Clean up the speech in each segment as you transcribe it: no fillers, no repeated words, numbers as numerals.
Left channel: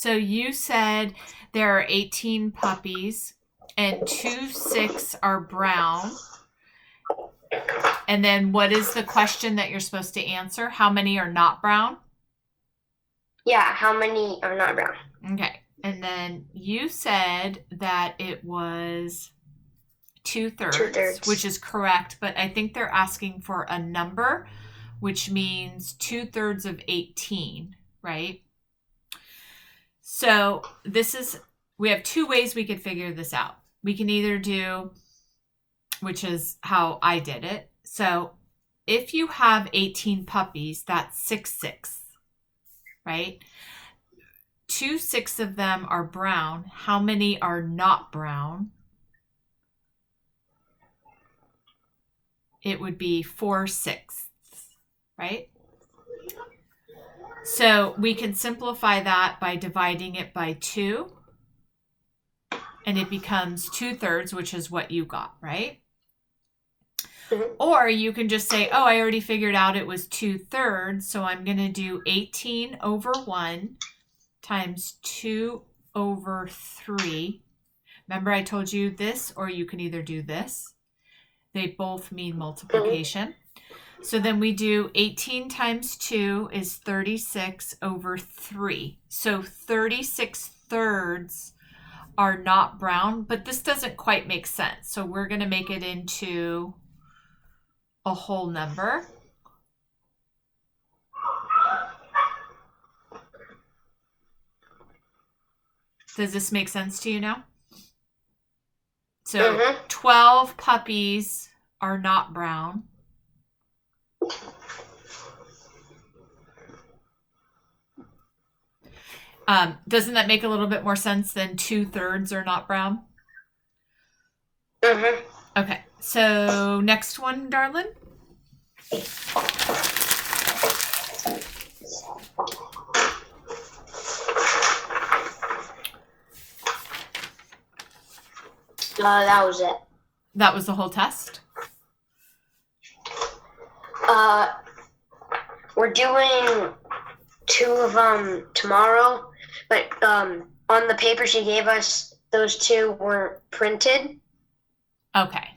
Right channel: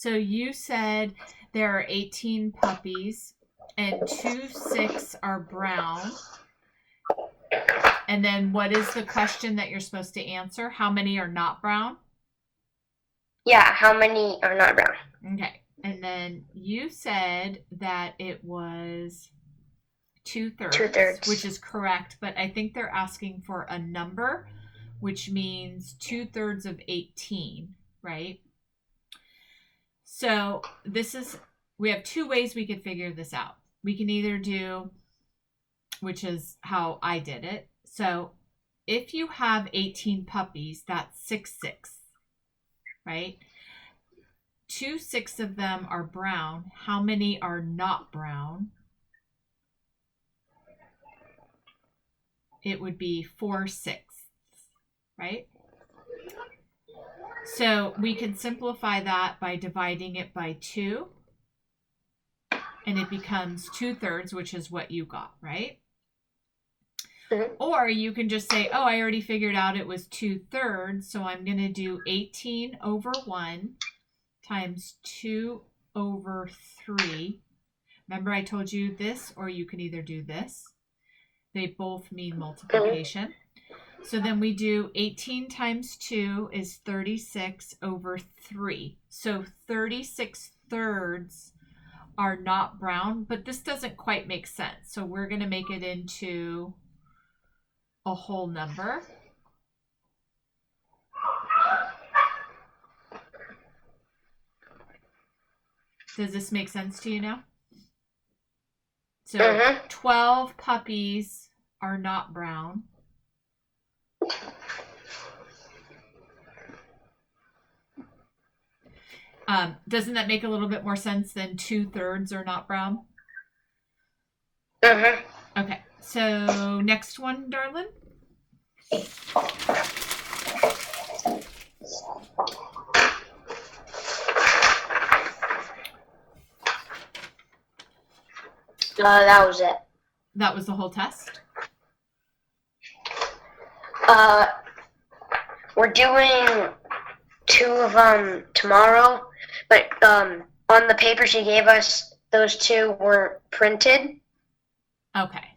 So you said there are 18 puppies and 2/6 are brown. And then what is the question that you're supposed to answer? How many are not brown? Yeah, how many are not brown? Okay. And then you said that it was 2/3, 2/3. which is correct, but I think they're asking for a number, which means 2/3 of 18, right? So we have two ways we could figure this out. We can either do, which is how I did it. So if you have 18 puppies, that's 6/6, right? 2/6 of them are brown. How many are not brown? It would be 4/6, right? So we can simplify that by dividing it by 2, and it becomes 2/3, which is what you got, right? Mhm. Or you can just say, oh, I already figured out it was 2/3, so I'm going to do 18 over 1 times 2 over 3. Remember I told you this, or you can either do this. They both mean multiplication. So then we do 18 times 2 is 36 over 3. So 36/3 are not brown, but this doesn't quite make sense. So we're going to make it into a whole number. Does this make sense to you now? So 12 puppies are not brown. Doesn't that make a little bit more sense than 2/3 are not brown? Okay, so next one, darling. That was it. That was the whole test? We're doing 2 of them tomorrow, but on the paper she gave us, those 2 weren't printed. Okay.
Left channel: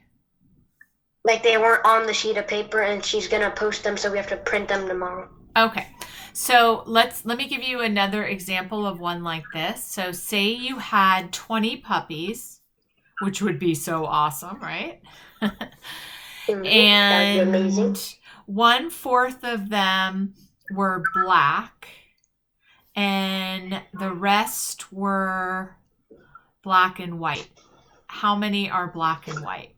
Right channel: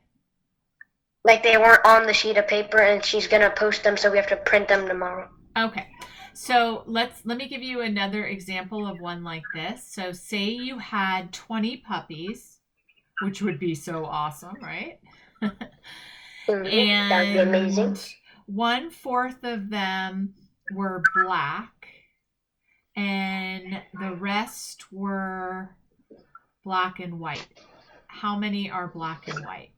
Like they weren't on the sheet of paper, and she's gonna post them, so we have to print them tomorrow. Okay. So let me give you another example of one like this. So say you had 20 puppies, which would be so awesome, right? And that'd be amazing. 1/4 of them were black, and the rest were black and white. How many are black and white?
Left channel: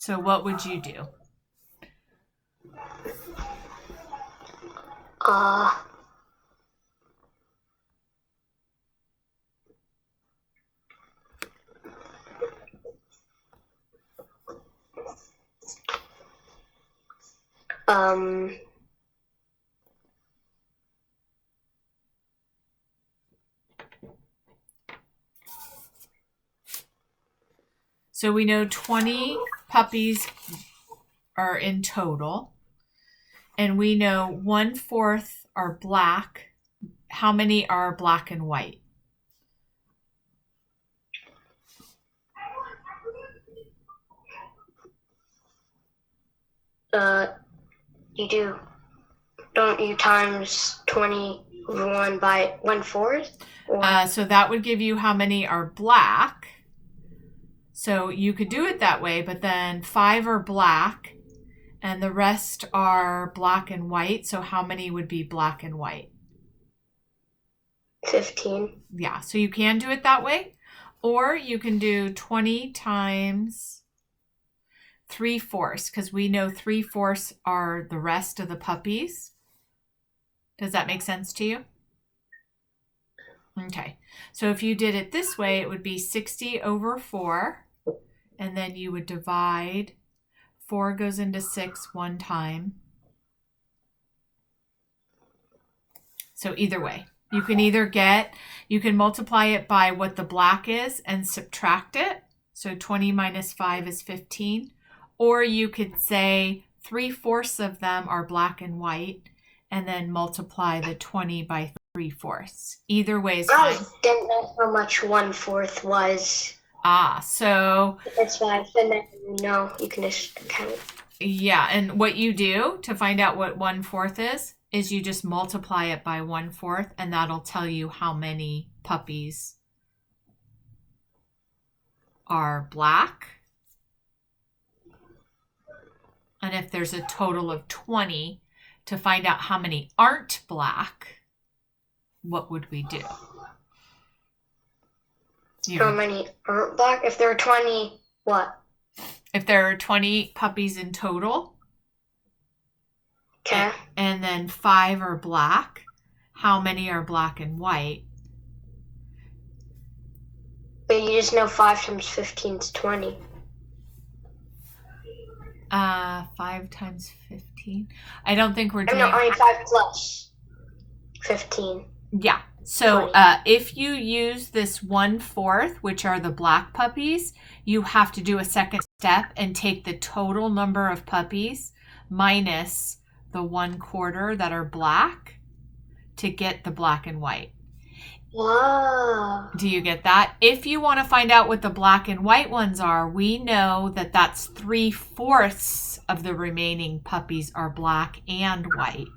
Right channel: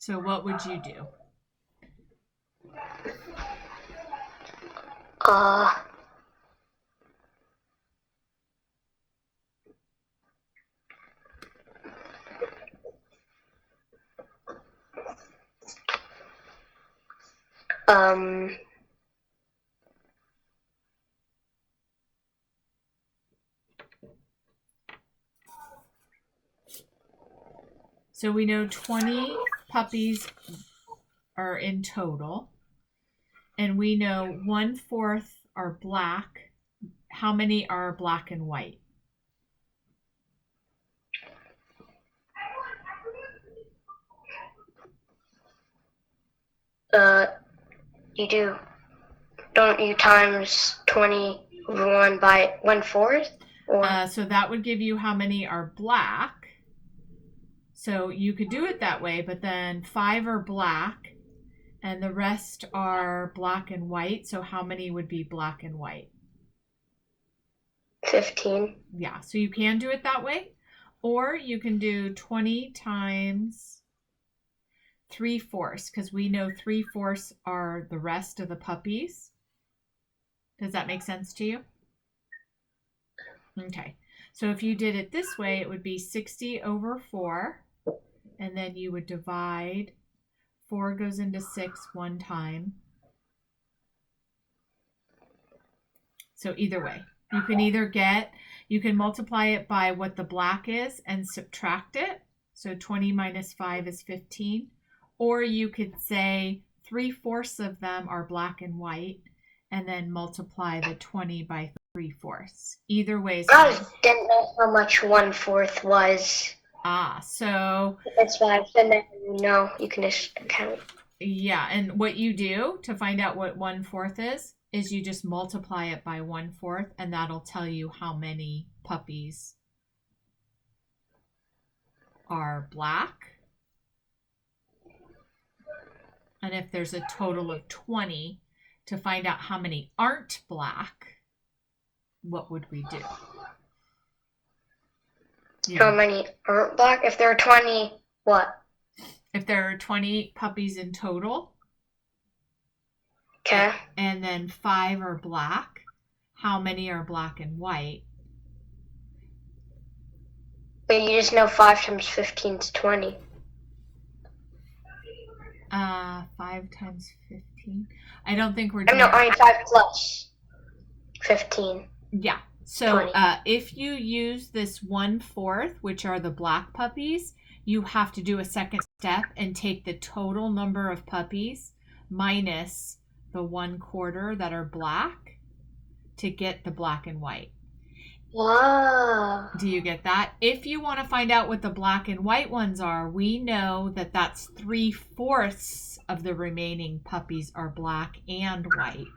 So what would you do? So we know 20 puppies are in total, and we know 1/4 are black. How many are black and white? Don't you times 21 by 1/4? So that would give you how many are black. So you could do it that way, but then 5 are black and the rest are black and white. So how many would be black and white? 15. Yeah, so you can do it that way. Or you can do 20 times 3/4, because we know 3/4 are the rest of the puppies. Does that make sense to you? Okay, so if you did it this way, it would be 60 over 4, and then you would divide. 4 goes into 6 one time. So either way, you can multiply it by what the black is and subtract it. So 20 minus 5 is 15. Or you could say 3/4 of them are black and white and then multiply the 20 by 3/4. Either way is I fine. didn't know how much 1/4 was. So That's why I said that. You can just count. yeah, and what you do to find out what 1/4 is you just multiply it by 1/4, and that'll tell you how many puppies are black. And if there's a total of 20, to find out how many aren't black, what would we do? How many aren't black? If there are 20, what? If there are 20 puppies in total, Okay. and then 5 are black, how many are black and white? But you just know 5 times 15 is 20. 5 times 15. I don't think we're I doing. know, 5 plus 15. Yeah. So 20. if you use this 1/4, which are the black puppies, you have to do a second step and take the total number of puppies minus the 1/4 that are black to get the black and white. Wow. Do you get that? If you want to find out what the black and white ones are, we know that that's 3/4 of the remaining puppies are black and white.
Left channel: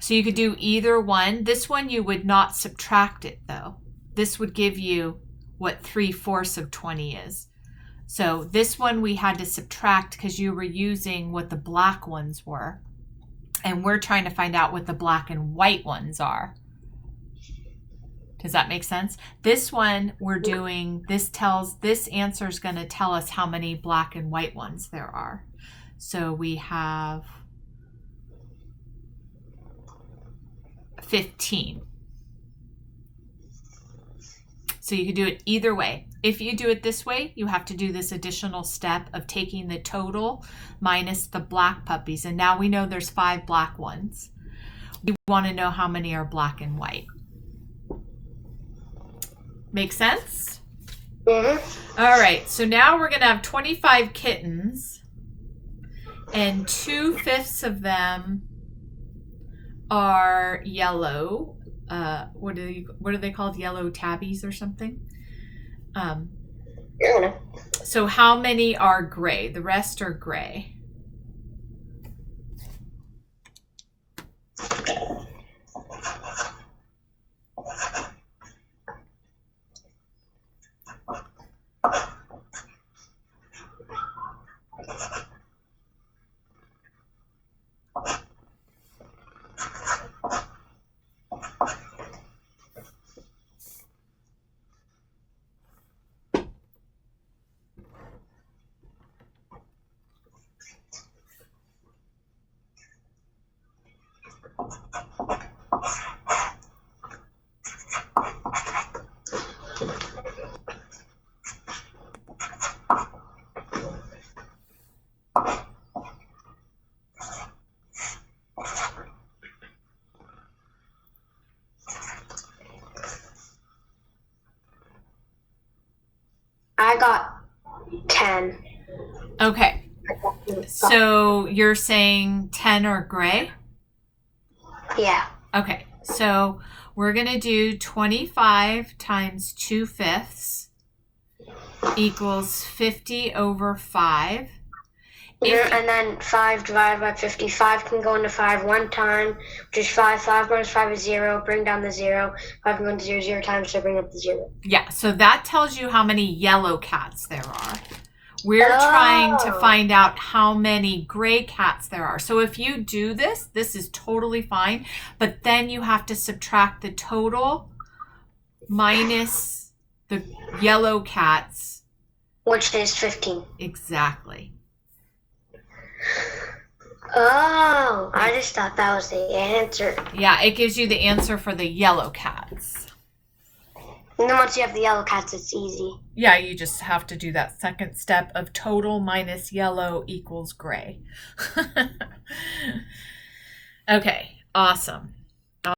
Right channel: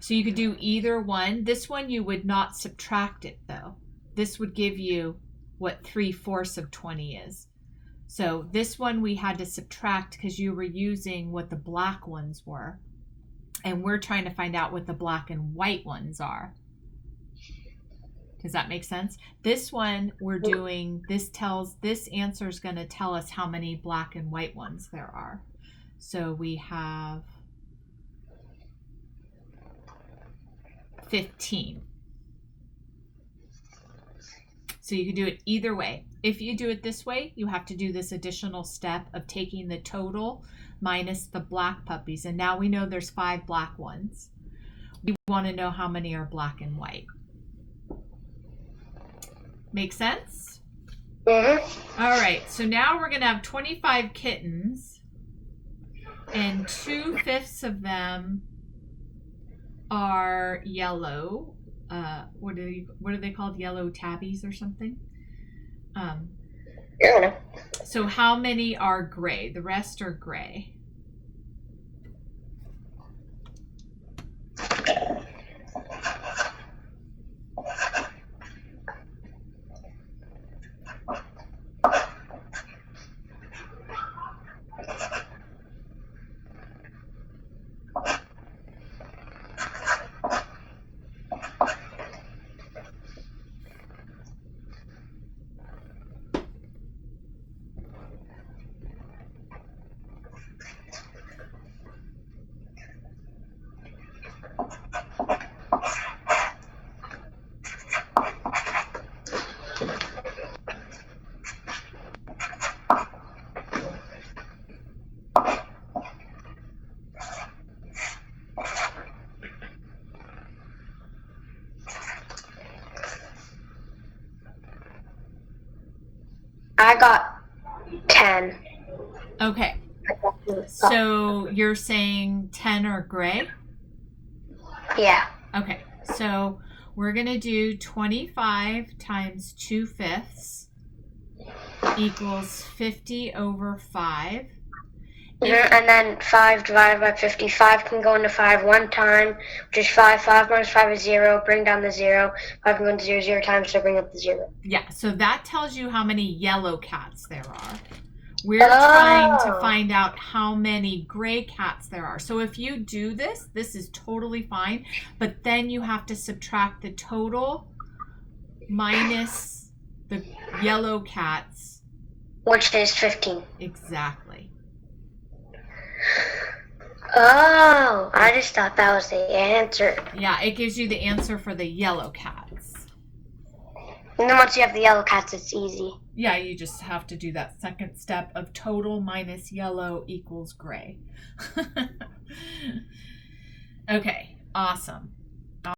So you could do either one. This one you would not subtract it though. This would give you what 3/4 of 20 is. So this one we had to subtract because you were using what the black ones were. And we're trying to find out what the black and white ones are. Does that make sense? This one we're doing, this answer is going to tell us how many black and white ones there are. So we have 15. So you could do it either way. If you do it this way, you have to do this additional step of taking the total minus the black puppies. And now we know there's 5 black ones. We want to know how many are black and white. Make sense? Mm-hmm. All right, so now we're going to have 25 kittens, and 2/5 of them are yellow. What are they called? Yellow tabbies or something? Yeah. So how many are gray? The rest are gray. I got 10. Okay, so you're saying 10 are gray? Yeah. Okay, so we're going to do 25 times 2/5 equals 50 over 5. And then 5 divided by 50. 5 can go into 5 one time, which is 5. 5 minus 5 is 0. Bring down the 0. 5 can go into 0 0 times, so bring up the 0. Yeah, so that tells you how many yellow cats there are. We're trying to find out how many gray cats there are. So if you do this, this is totally fine. But then you have to subtract the total minus the yellow cats. Which is 15. Exactly. Oh, I just thought that was the answer. Yeah, it gives you the answer for the yellow cats. And then once you have the yellow cats, it's easy. Yeah, you just have to do that second step of total minus yellow equals gray. Okay, awesome.